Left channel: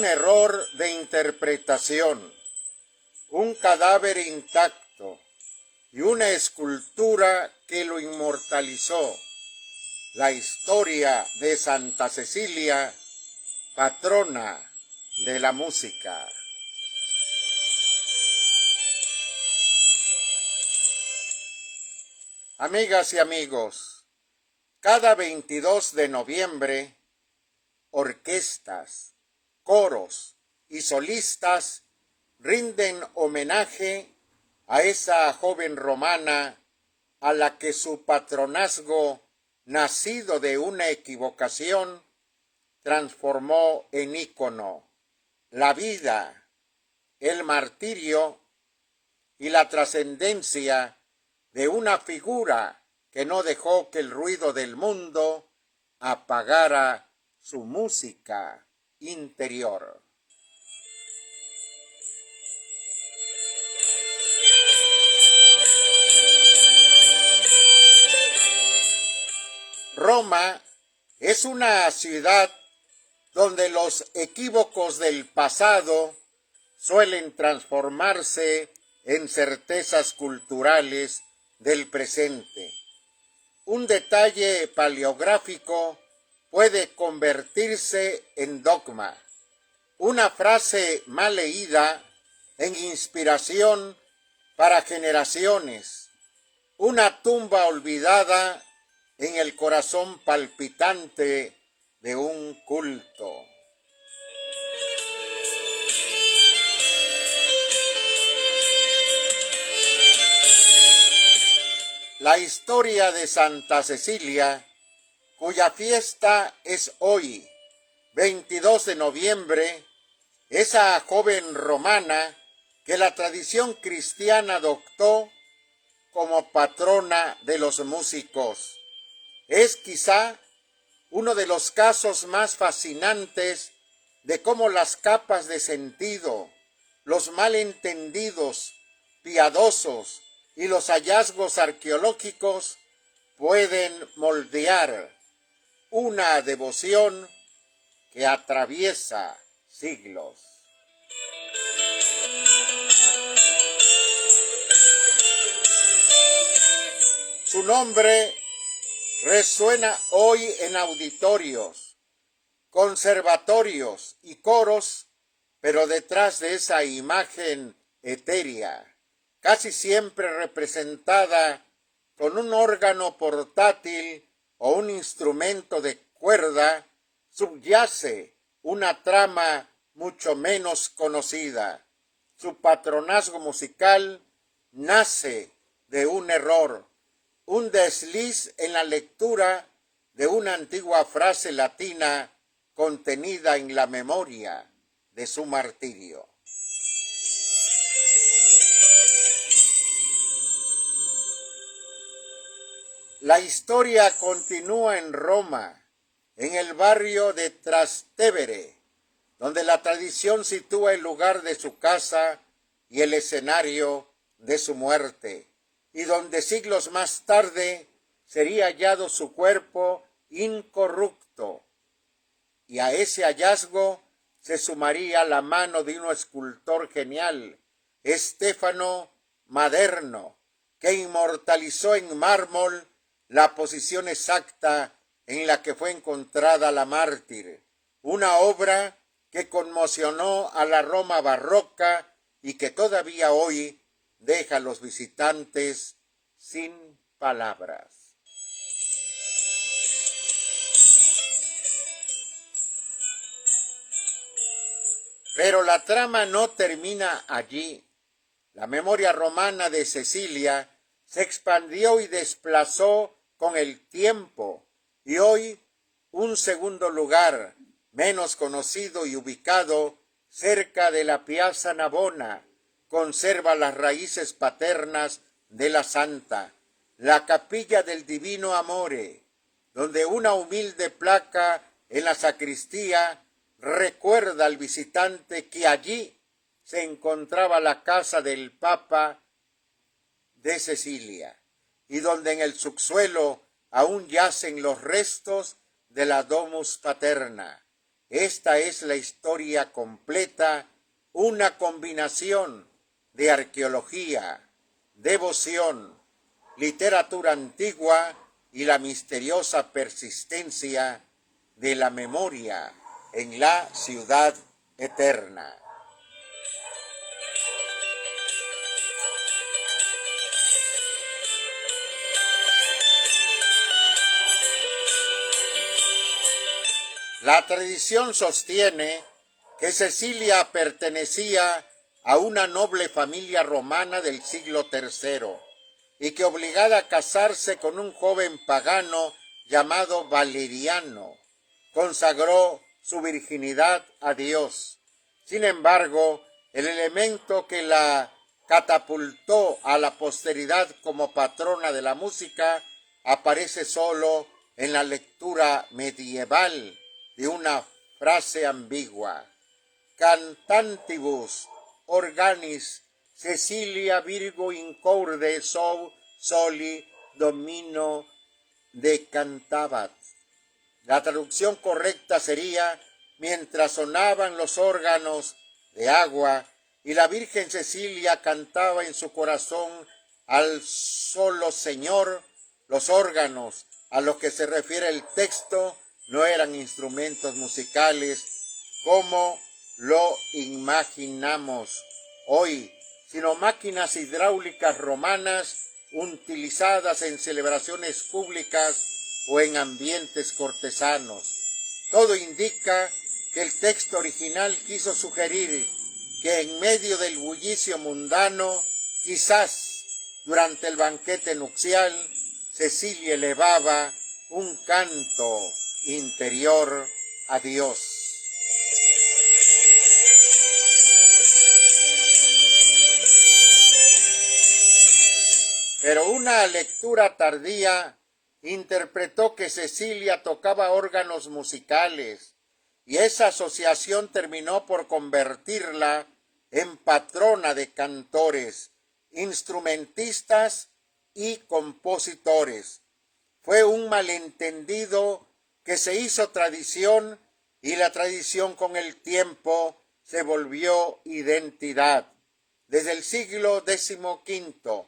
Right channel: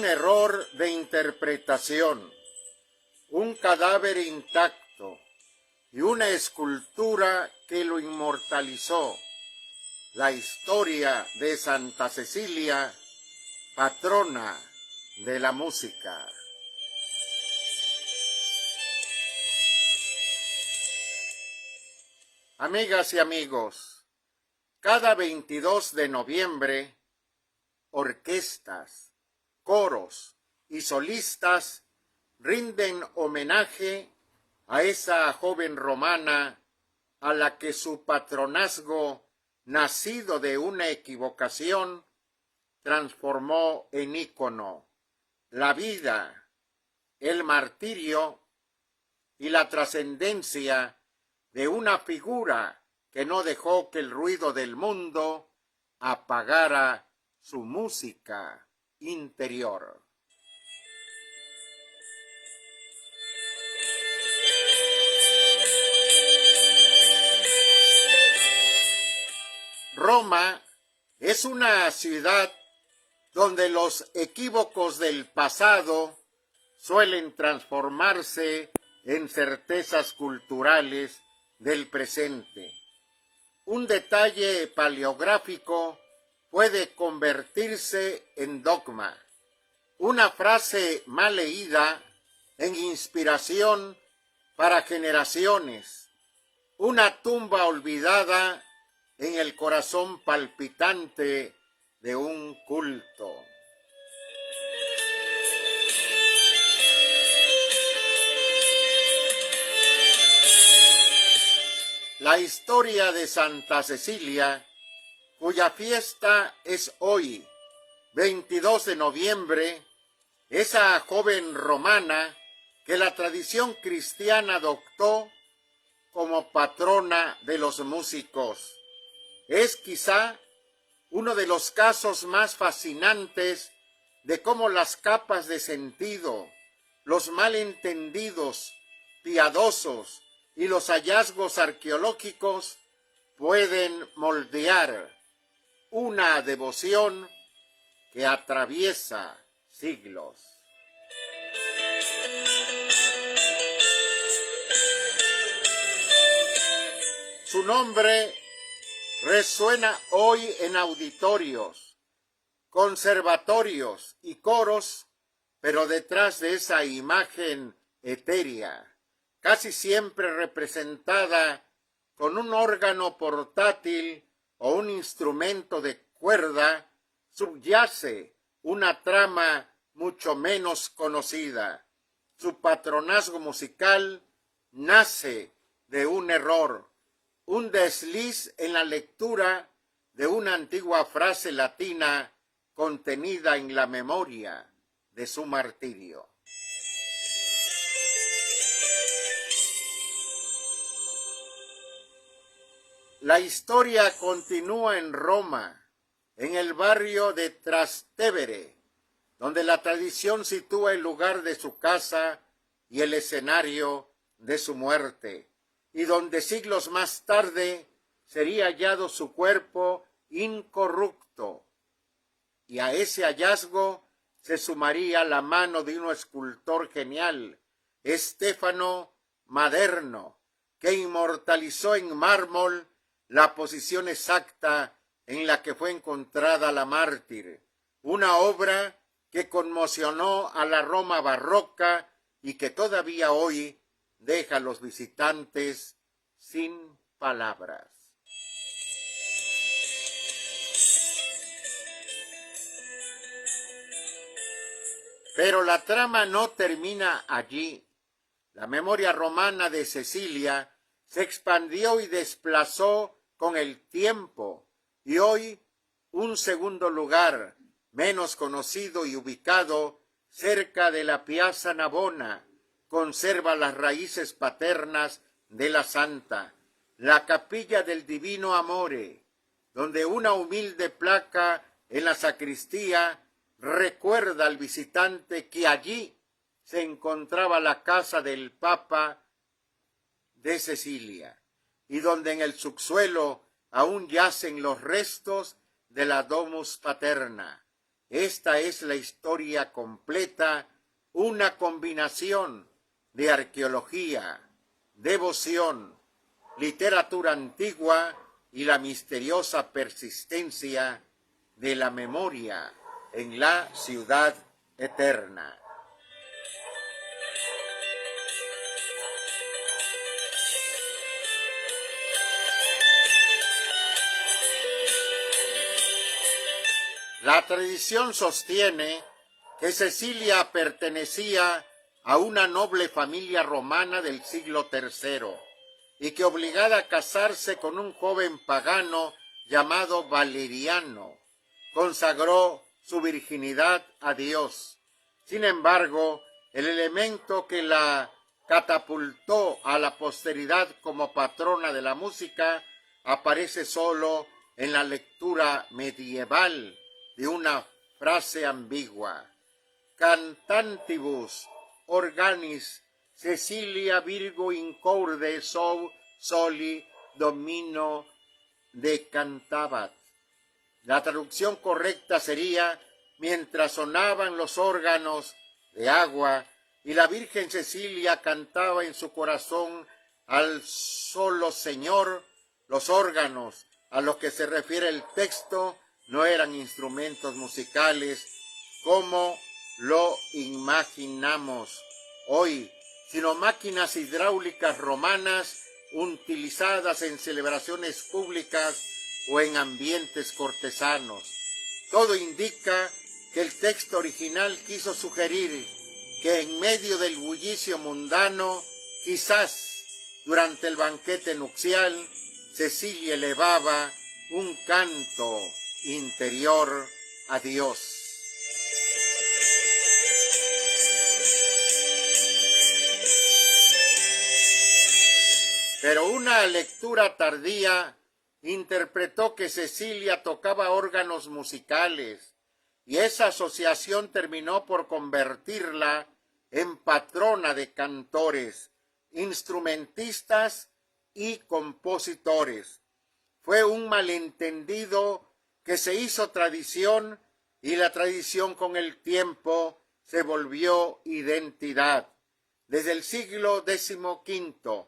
un error de interpretación, un cadáver intacto y una escultura que lo inmortalizó. La historia de Santa Cecilia, patrona de la música. Amigas y amigos, cada 22 de noviembre, orquestas, coros y solistas rinden homenaje a esa joven romana a la que su patronazgo, nacido de una equivocación, transformó en ícono la vida, el martirio y la trascendencia de una figura que no dejó que el ruido del mundo apagara su música interior. Roma es una ciudad donde los equívocos del pasado suelen transformarse en certezas culturales del presente. Un detalle paleográfico puede convertirse en dogma, una frase mal leída en inspiración para generaciones, una tumba olvidada en el corazón palpitante de un culto. La historia de Santa Cecilia, cuya fiesta es hoy, 22 de noviembre, esa joven romana que la tradición cristiana adoptó como patrona de los músicos, es quizá uno de los casos más fascinantes de cómo las capas de sentido, los malentendidos, piadosos y los hallazgos arqueológicos pueden moldear una devoción que atraviesa siglos. Su nombre resuena hoy en auditorios, conservatorios y coros, pero detrás de esa imagen etérea, casi siempre representada con un órgano portátil o un instrumento de cuerda, subyace una trama mucho menos conocida. Su patronazgo musical nace de un error, un desliz en la lectura de una antigua frase latina contenida en la memoria de su martirio. La historia continúa en Roma, en el barrio de Trastevere, donde la tradición sitúa el lugar de su casa y el escenario de su muerte, y donde siglos más tarde sería hallado su cuerpo incorrupto. Y a ese hallazgo se sumaría la mano de un escultor genial, Stefano Maderno, que inmortalizó en mármol la posición exacta en la que fue encontrada la mártir, una obra que conmocionó a la Roma barroca y que todavía hoy deja a los visitantes sin palabras. Pero la trama no termina allí. La memoria romana de Cecilia se expandió y desplazó con el tiempo, y hoy un segundo lugar, menos conocido y ubicado cerca de la Piazza Navona, conserva las raíces paternas de la santa, la capilla del Divino Amore, donde una humilde placa en la sacristía recuerda al visitante que allí se encontraba la casa del Papa de Cecilia, y donde en el subsuelo aún yacen los restos de la Domus Paterna, esta es la historia completa, una combinación de arqueología, devoción, literatura antigua y la misteriosa persistencia de la memoria en la ciudad eterna. La tradición sostiene que Cecilia pertenecía a una noble familia romana del siglo III y que, obligada a casarse con un joven pagano llamado Valeriano, consagró su virginidad a Dios. Sin embargo, el elemento que la catapultó a la posteridad como patrona de la música aparece solo en la lectura medieval de una frase ambigua: cantantibus organis Cecilia Virgo incorde soli domino decantabat. La traducción correcta sería: mientras sonaban los órganos de agua y la Virgen Cecilia cantaba en su corazón al solo Señor. Los órganos a los que se refiere el texto no eran instrumentos musicales como lo imaginamos hoy, sino máquinas hidráulicas romanas utilizadas en celebraciones públicas o en ambientes cortesanos. Todo indica que el texto original quiso sugerir que en medio del bullicio mundano, quizás durante el banquete nupcial, Cecilia elevaba un canto interior a Dios. Pero una lectura tardía interpretó que Cecilia tocaba órganos musicales y esa asociación terminó por convertirla en patrona de cantores, instrumentistas y compositores. Fue un malentendido que se hizo tradición y la tradición con el tiempo se volvió identidad. Desde el siglo XV,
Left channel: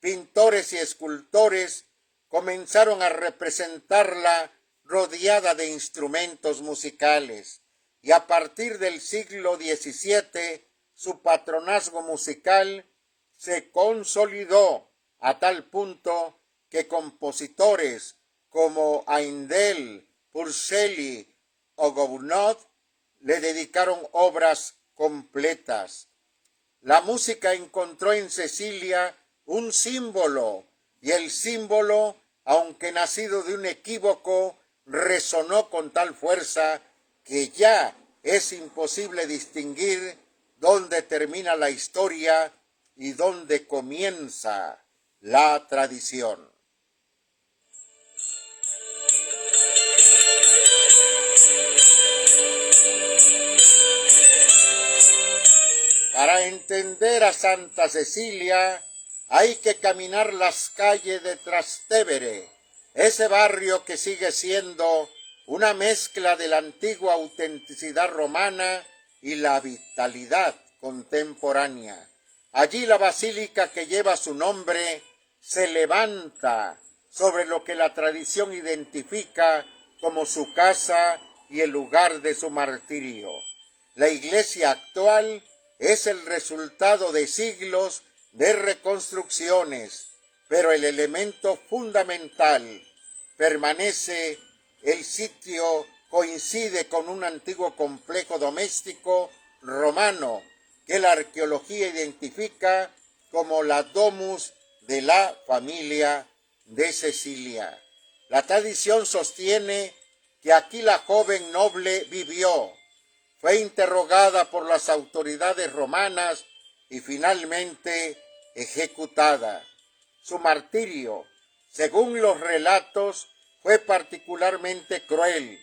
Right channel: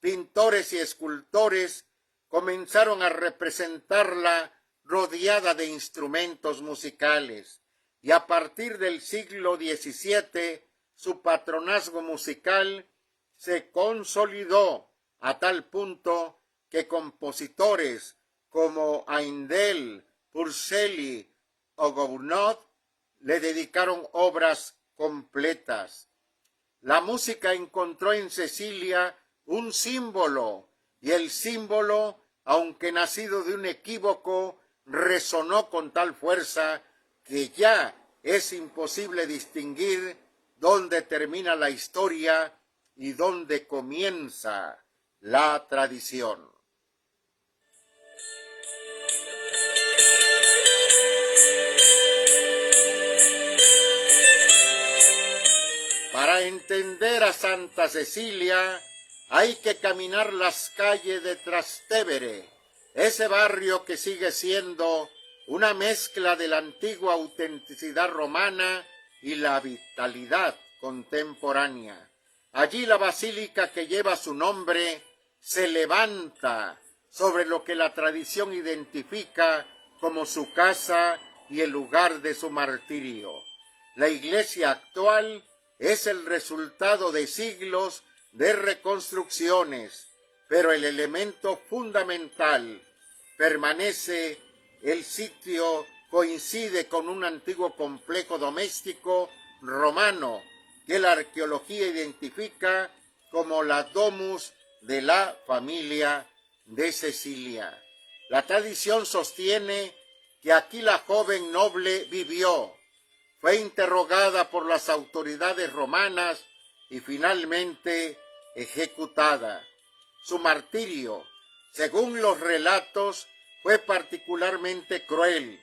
pintores y escultores comenzaron a representarla rodeada de instrumentos musicales y a partir del siglo XVII su patronazgo musical se consolidó a tal punto que compositores como Haendel, Purcell o Gounod le dedicaron obras completas. La música encontró en Cecilia un símbolo, y el símbolo, aunque nacido de un equívoco, resonó con tal fuerza que ya es imposible distinguir dónde termina la historia y dónde comienza la tradición. Para entender a Santa Cecilia hay que caminar las calles de Trastevere, ese barrio que sigue siendo una mezcla de la antigua autenticidad romana y la vitalidad contemporánea. Allí la basílica que lleva su nombre se levanta sobre lo que la tradición identifica como su casa y el lugar de su martirio. La iglesia actual es el resultado de siglos de reconstrucciones, pero el elemento fundamental permanece. El sitio coincide con un antiguo complejo doméstico romano que la arqueología identifica como la domus de la familia de Cecilia. La tradición sostiene que aquí la joven noble vivió, fue interrogada por las autoridades romanas y finalmente ejecutada. Su martirio, según los relatos, fue particularmente cruel.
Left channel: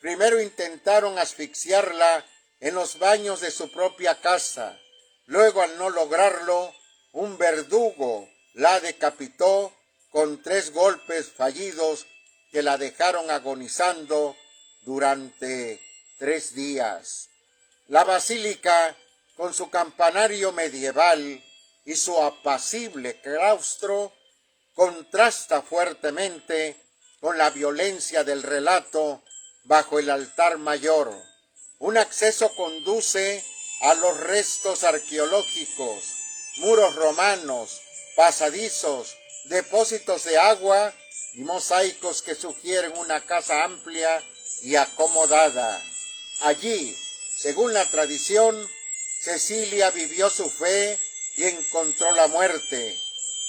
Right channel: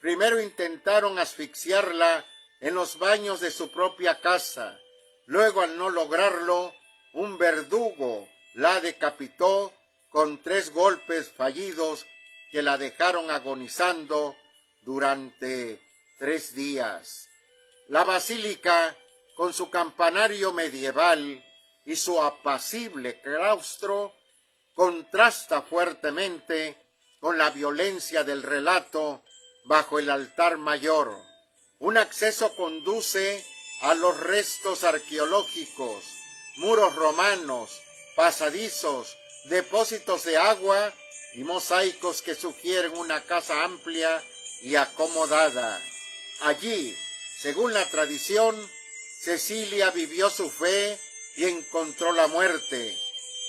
Primero intentaron asfixiarla en los baños de su propia casa. Luego, al no lograrlo, un verdugo la decapitó con 3 golpes fallidos que la dejaron agonizando durante 3 días. La basílica, con su campanario medieval y su apacible claustro, contrasta fuertemente con la violencia del relato bajo el altar mayor. Un acceso conduce a los restos arqueológicos, muros romanos, pasadizos, depósitos de agua y mosaicos que sugieren una casa amplia y acomodada. Allí, según la tradición, Cecilia vivió su fe y encontró la muerte,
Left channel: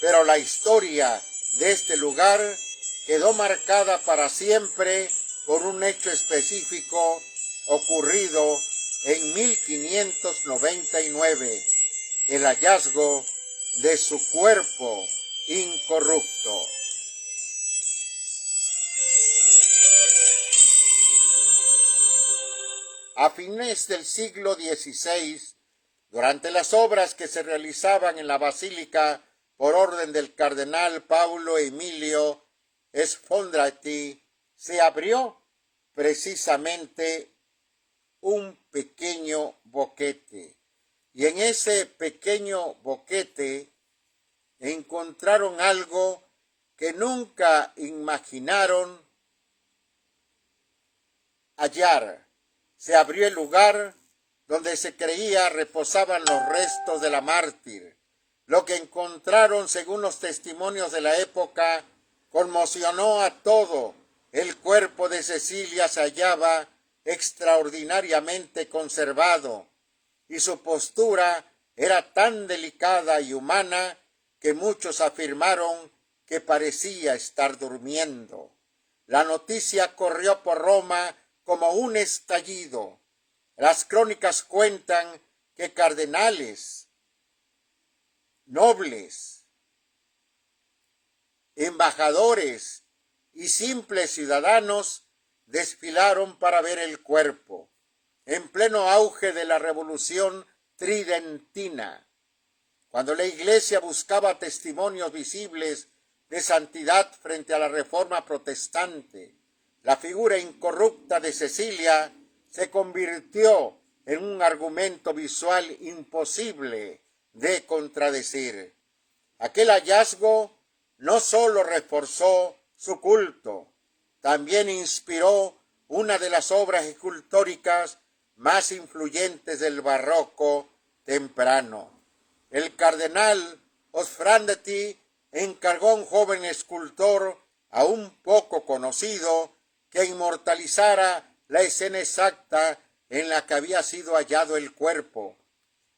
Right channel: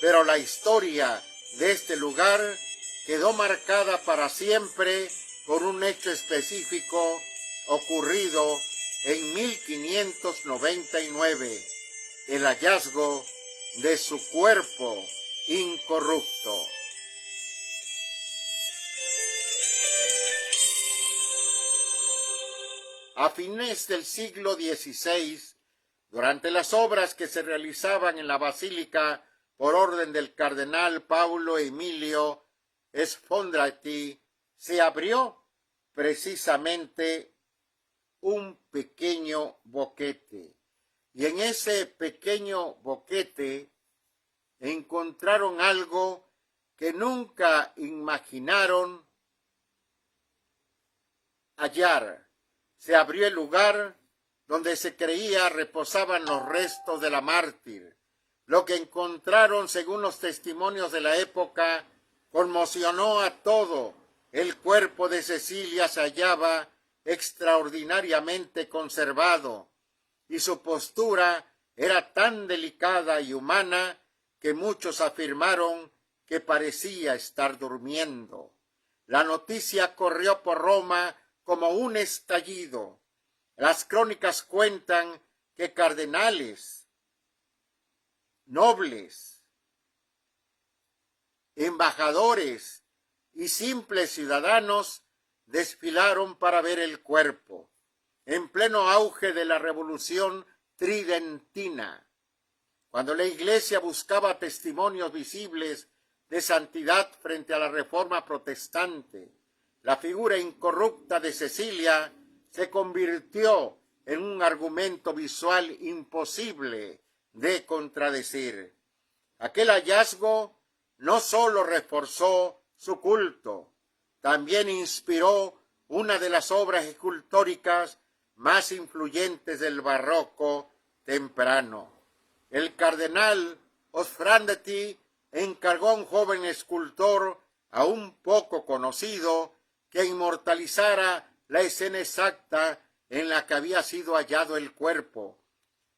pero la historia de este lugar quedó marcada para siempre por un hecho específico ocurrido en 1599, el hallazgo de su cuerpo incorrupto. A fines del siglo XVI, durante las obras que se realizaban en la basílica por orden del cardenal Paulo Emilio Sfondrati, se abrió precisamente un pequeño boquete. Y en ese pequeño boquete encontraron algo que nunca imaginaron hallar. Se abrió el lugar donde se creía reposaban los restos de la mártir. Lo que encontraron, según los testimonios de la época, conmocionó a todo. El cuerpo de Cecilia se hallaba extraordinariamente conservado, y su postura era tan delicada y humana que muchos afirmaron que parecía estar durmiendo. La noticia corrió por Roma como un estallido. Las crónicas cuentan que cardenales, nobles, embajadores y simples ciudadanos desfilaron para ver el cuerpo, en pleno auge de la Revolución Tridentina, cuando la Iglesia buscaba testimonios visibles de santidad frente a la Reforma protestante. La figura incorrupta de Cecilia se convirtió en un argumento visual imposible de contradecir. Aquel hallazgo no solo reforzó su culto, también inspiró una de las obras escultóricas más influyentes del barroco temprano. El cardenal Sfondrati encargó a un joven escultor aún poco conocido que inmortalizara la escena exacta en la que había sido hallado el cuerpo.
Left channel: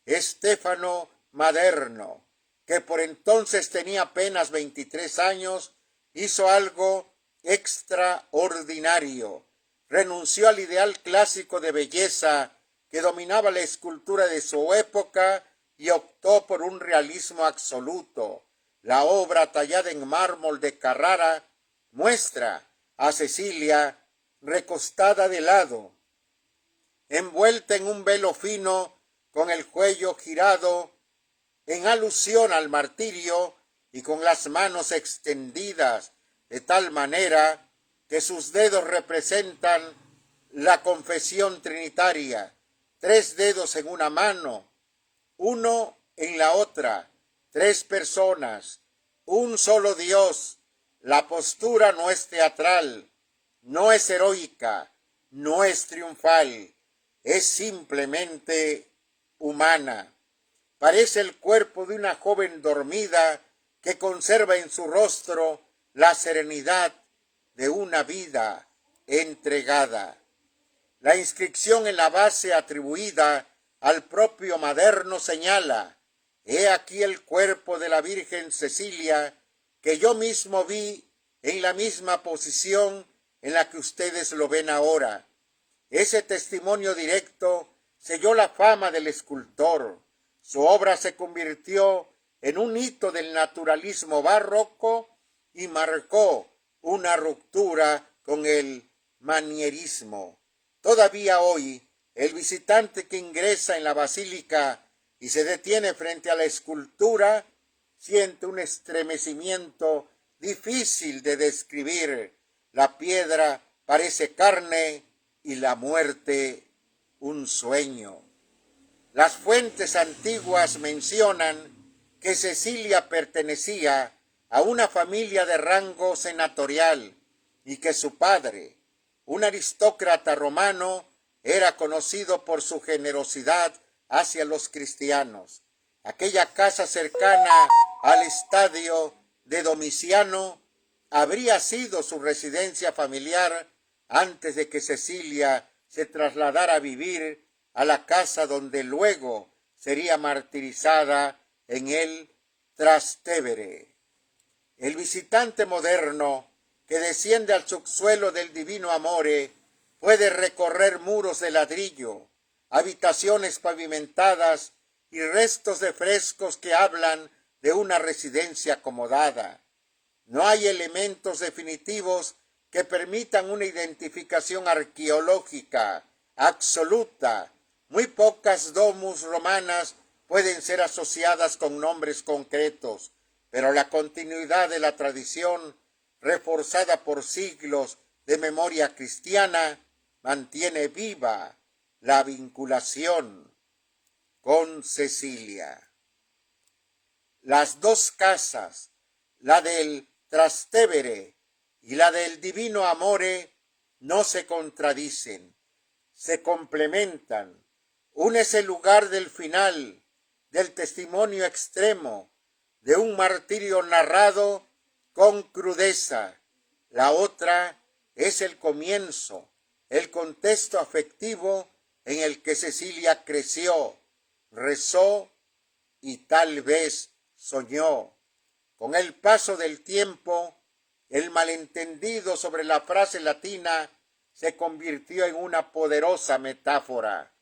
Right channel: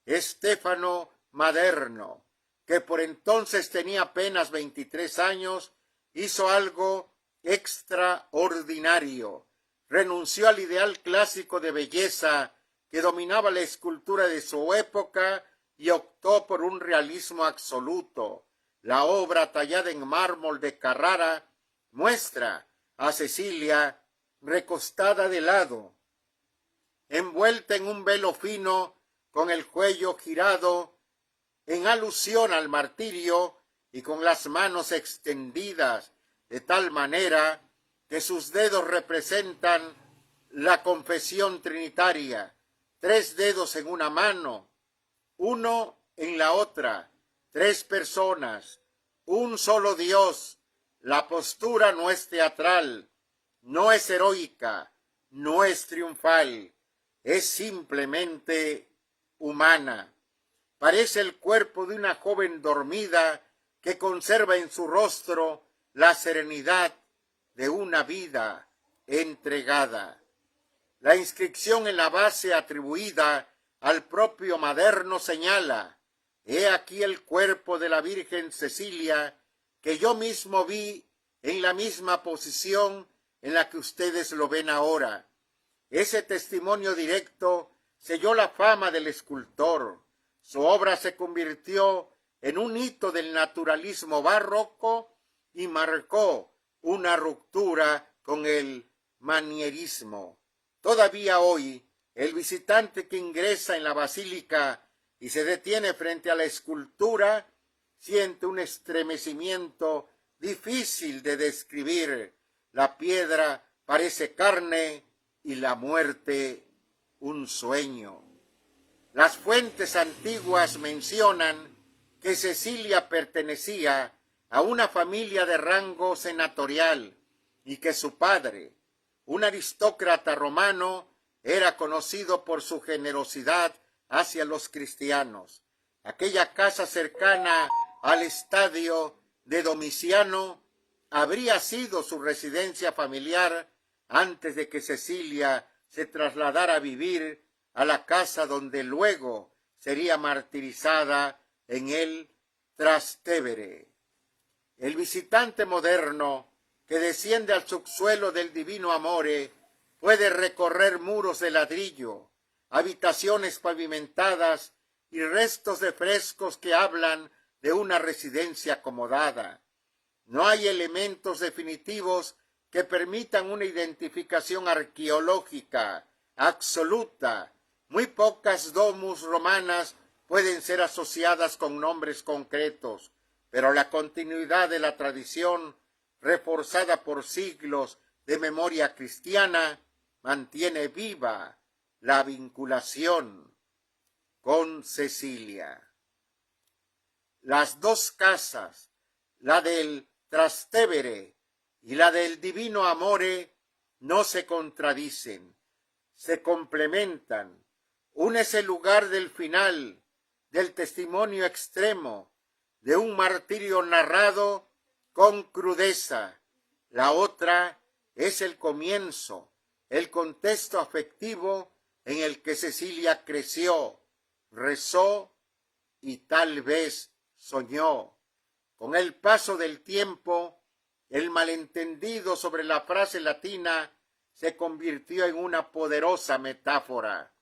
Stefano Maderno, que por entonces tenía apenas 23 años, hizo algo extraordinario. Renunció al ideal clásico de belleza que dominaba la escultura de su época y optó por un realismo absoluto. La obra, tallada en mármol de Carrara, muestra a Cecilia recostada de lado, envuelta en un velo fino, con el cuello girado en alusión al martirio y con las manos extendidas de tal manera que sus dedos representan la confesión trinitaria, 3 dedos en una mano, 1 en la otra, 3 personas, un solo Dios. La postura no es teatral, no es heroica, no es triunfal, es simplemente humana. Parece el cuerpo de una joven dormida que conserva en su rostro la serenidad de una vida entregada. La inscripción en la base atribuida al propio Maderno señala: «He aquí el cuerpo de la Virgen Cecilia, que yo mismo vi en la misma posición en la que ustedes lo ven ahora». Ese testimonio directo selló la fama del escultor. Su obra se convirtió en un hito del naturalismo barroco y marcó una ruptura con el manierismo. Todavía hoy, el visitante que ingresa en la basílica y se detiene frente a la escultura siente un estremecimiento difícil de describir. La piedra parece carne y la muerte un sueño. Las fuentes antiguas mencionan que Cecilia pertenecía a una familia de rango senatorial y que su padre, un aristócrata romano, era conocido por su generosidad hacia los cristianos. Aquella casa cercana al estadio de Domiciano habría sido su residencia familiar antes de que Cecilia se trasladara a vivir a la casa donde luego sería martirizada en el Trastevere. El visitante moderno que desciende al subsuelo del Divino Amore puede recorrer muros de ladrillo, habitaciones pavimentadas y restos de frescos que hablan de una residencia acomodada. No hay elementos definitivos que permitan una identificación arqueológica absoluta. Muy pocas domus romanas pueden ser asociadas con nombres concretos, pero la continuidad de la tradición, reforzada por siglos de memoria cristiana, mantiene viva la vinculación con Cecilia. Las dos casas, la del Trastevere y la del Divino Amore, no se contradicen, se complementan. Una es el lugar del final, del testimonio extremo, de un martirio narrado con crudeza. La otra es el comienzo, el contexto afectivo en el que Cecilia creció, rezó y tal vez soñó. Con el paso del tiempo, el malentendido sobre la frase latina se convirtió en una poderosa metáfora.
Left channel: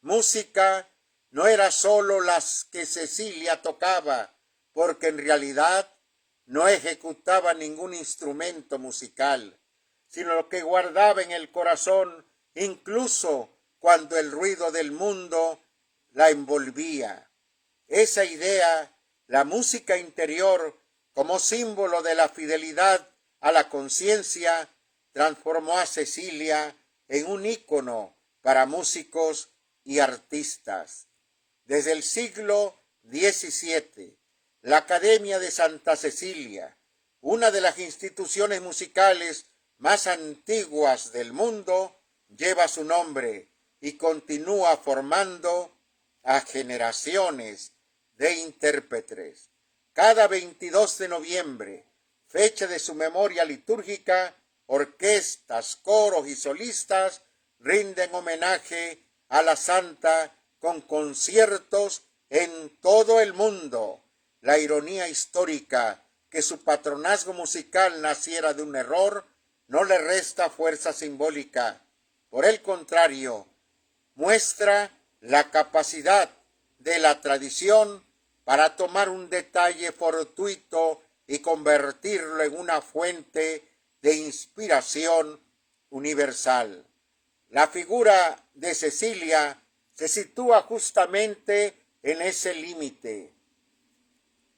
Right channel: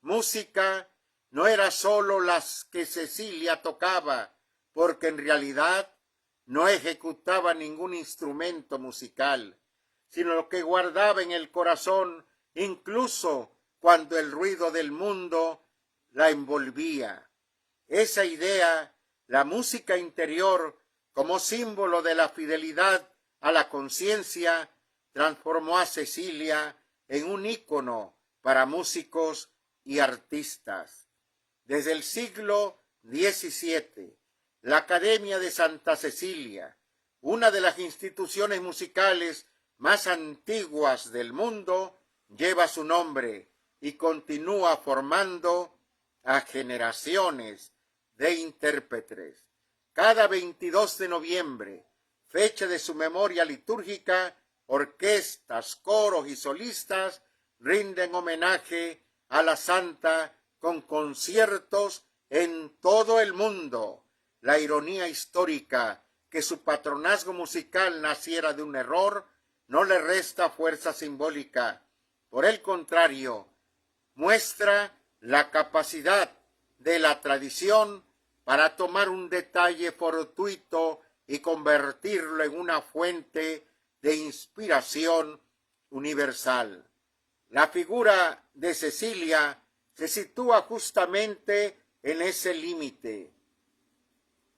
Música no era sólo las que Cecilia tocaba, porque en realidad no ejecutaba ningún instrumento musical, sino lo que guardaba en el corazón, incluso cuando el ruido del mundo la envolvía. Esa idea, la música interior, como símbolo de la fidelidad a la conciencia, transformó a Cecilia en un ícono para músicos y artistas. Desde el siglo XVII, la Academia de Santa Cecilia, una de las instituciones musicales más antiguas del mundo, lleva su nombre y continúa formando a generaciones de intérpretes. Cada 22 de noviembre, fecha de su memoria litúrgica, orquestas, coros y solistas rinden homenaje a la santa con conciertos en todo el mundo. La ironía histórica que su patronazgo musical naciera de un error no le resta fuerza simbólica. Por el contrario, muestra la capacidad de la tradición para tomar un detalle fortuito y convertirlo en una fuente de inspiración universal. La figura de Cecilia se sitúa justamente en ese límite.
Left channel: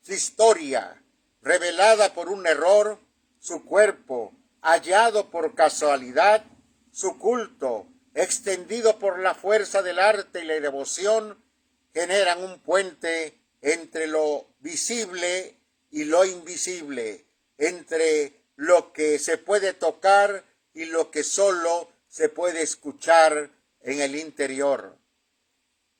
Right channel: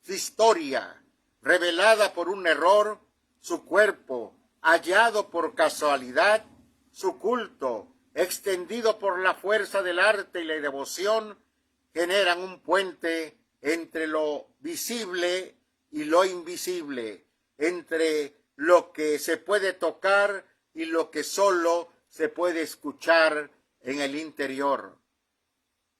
Su historia, revelada por un error, su cuerpo, hallado por casualidad, su culto, extendido por la fuerza del arte y la devoción, generan un puente entre lo visible y lo invisible, entre lo que se puede tocar y lo que solo se puede escuchar en el interior.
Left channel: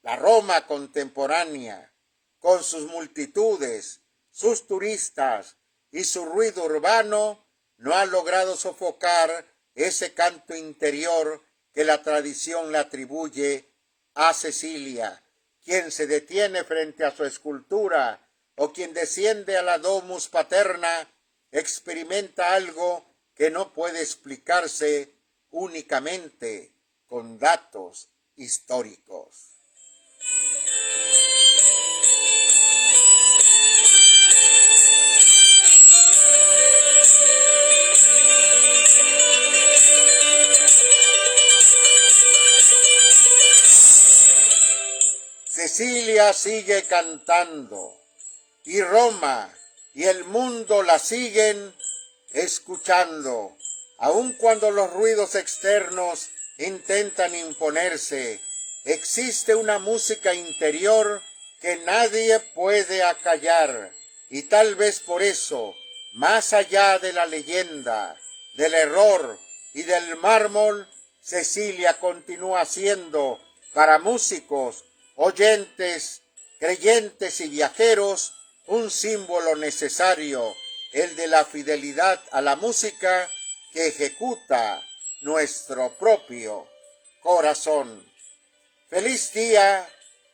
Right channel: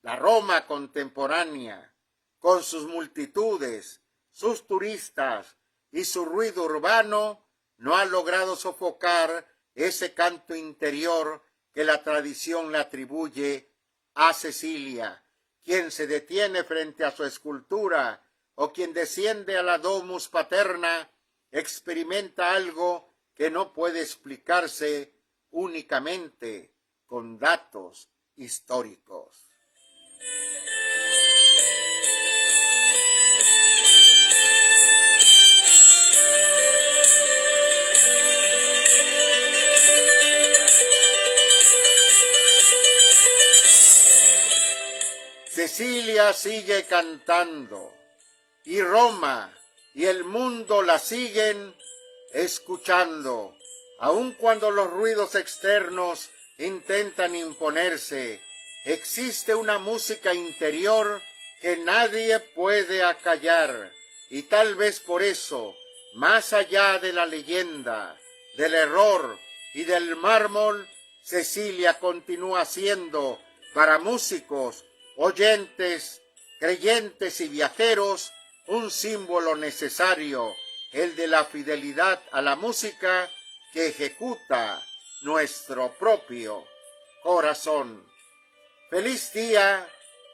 La Roma contemporánea, con sus multitudes, sus turistas y su ruido urbano, no ha logrado sofocar ese canto interior que la tradición le atribuye a Cecilia. Quien se detiene frente a su escultura o quien desciende a la domus paterna experimenta algo que no puede explicarse únicamente con datos históricos. Cecilia sigue cantando y Roma y el mundo la siguen escuchando, aun cuando los ruidos externos intentan imponerse. Existe una música interior que nadie puede acallar, y tal vez por eso, más allá de la leyenda, del error y del mármol, Cecilia continúa siendo, para músicos, oyentes, creyentes y viajeros, un símbolo necesario, el de la fidelidad a la música que ejecuta nuestro propio corazón. Feliz día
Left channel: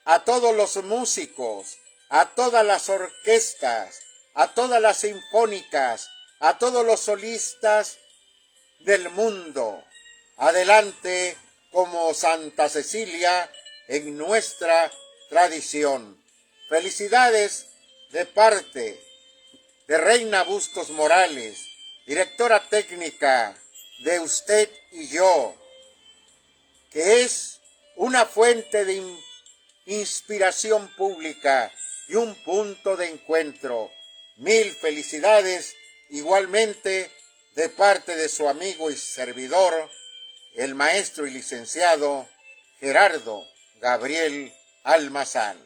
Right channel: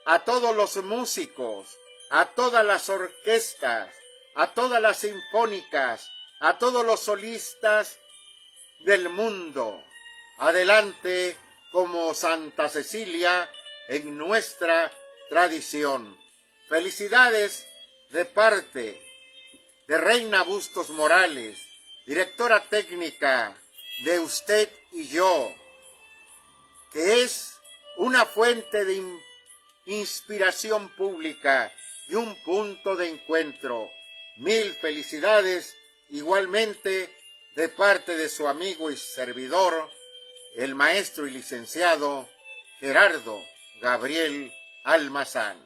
a todos los músicos, a todas las orquestas, a todas las sinfónicas, a todos los solistas del mundo. Adelante como Santa Cecilia en nuestra tradición. Felicidades de parte de Reina Bustos Morales, directora técnica de Usted y Yo, que es una fuente de inspiración pública y un punto de encuentro. Mil felicidades igualmente de parte de su amigo y servidor, el maestro y licenciado Gerardo Gabriel Almazán.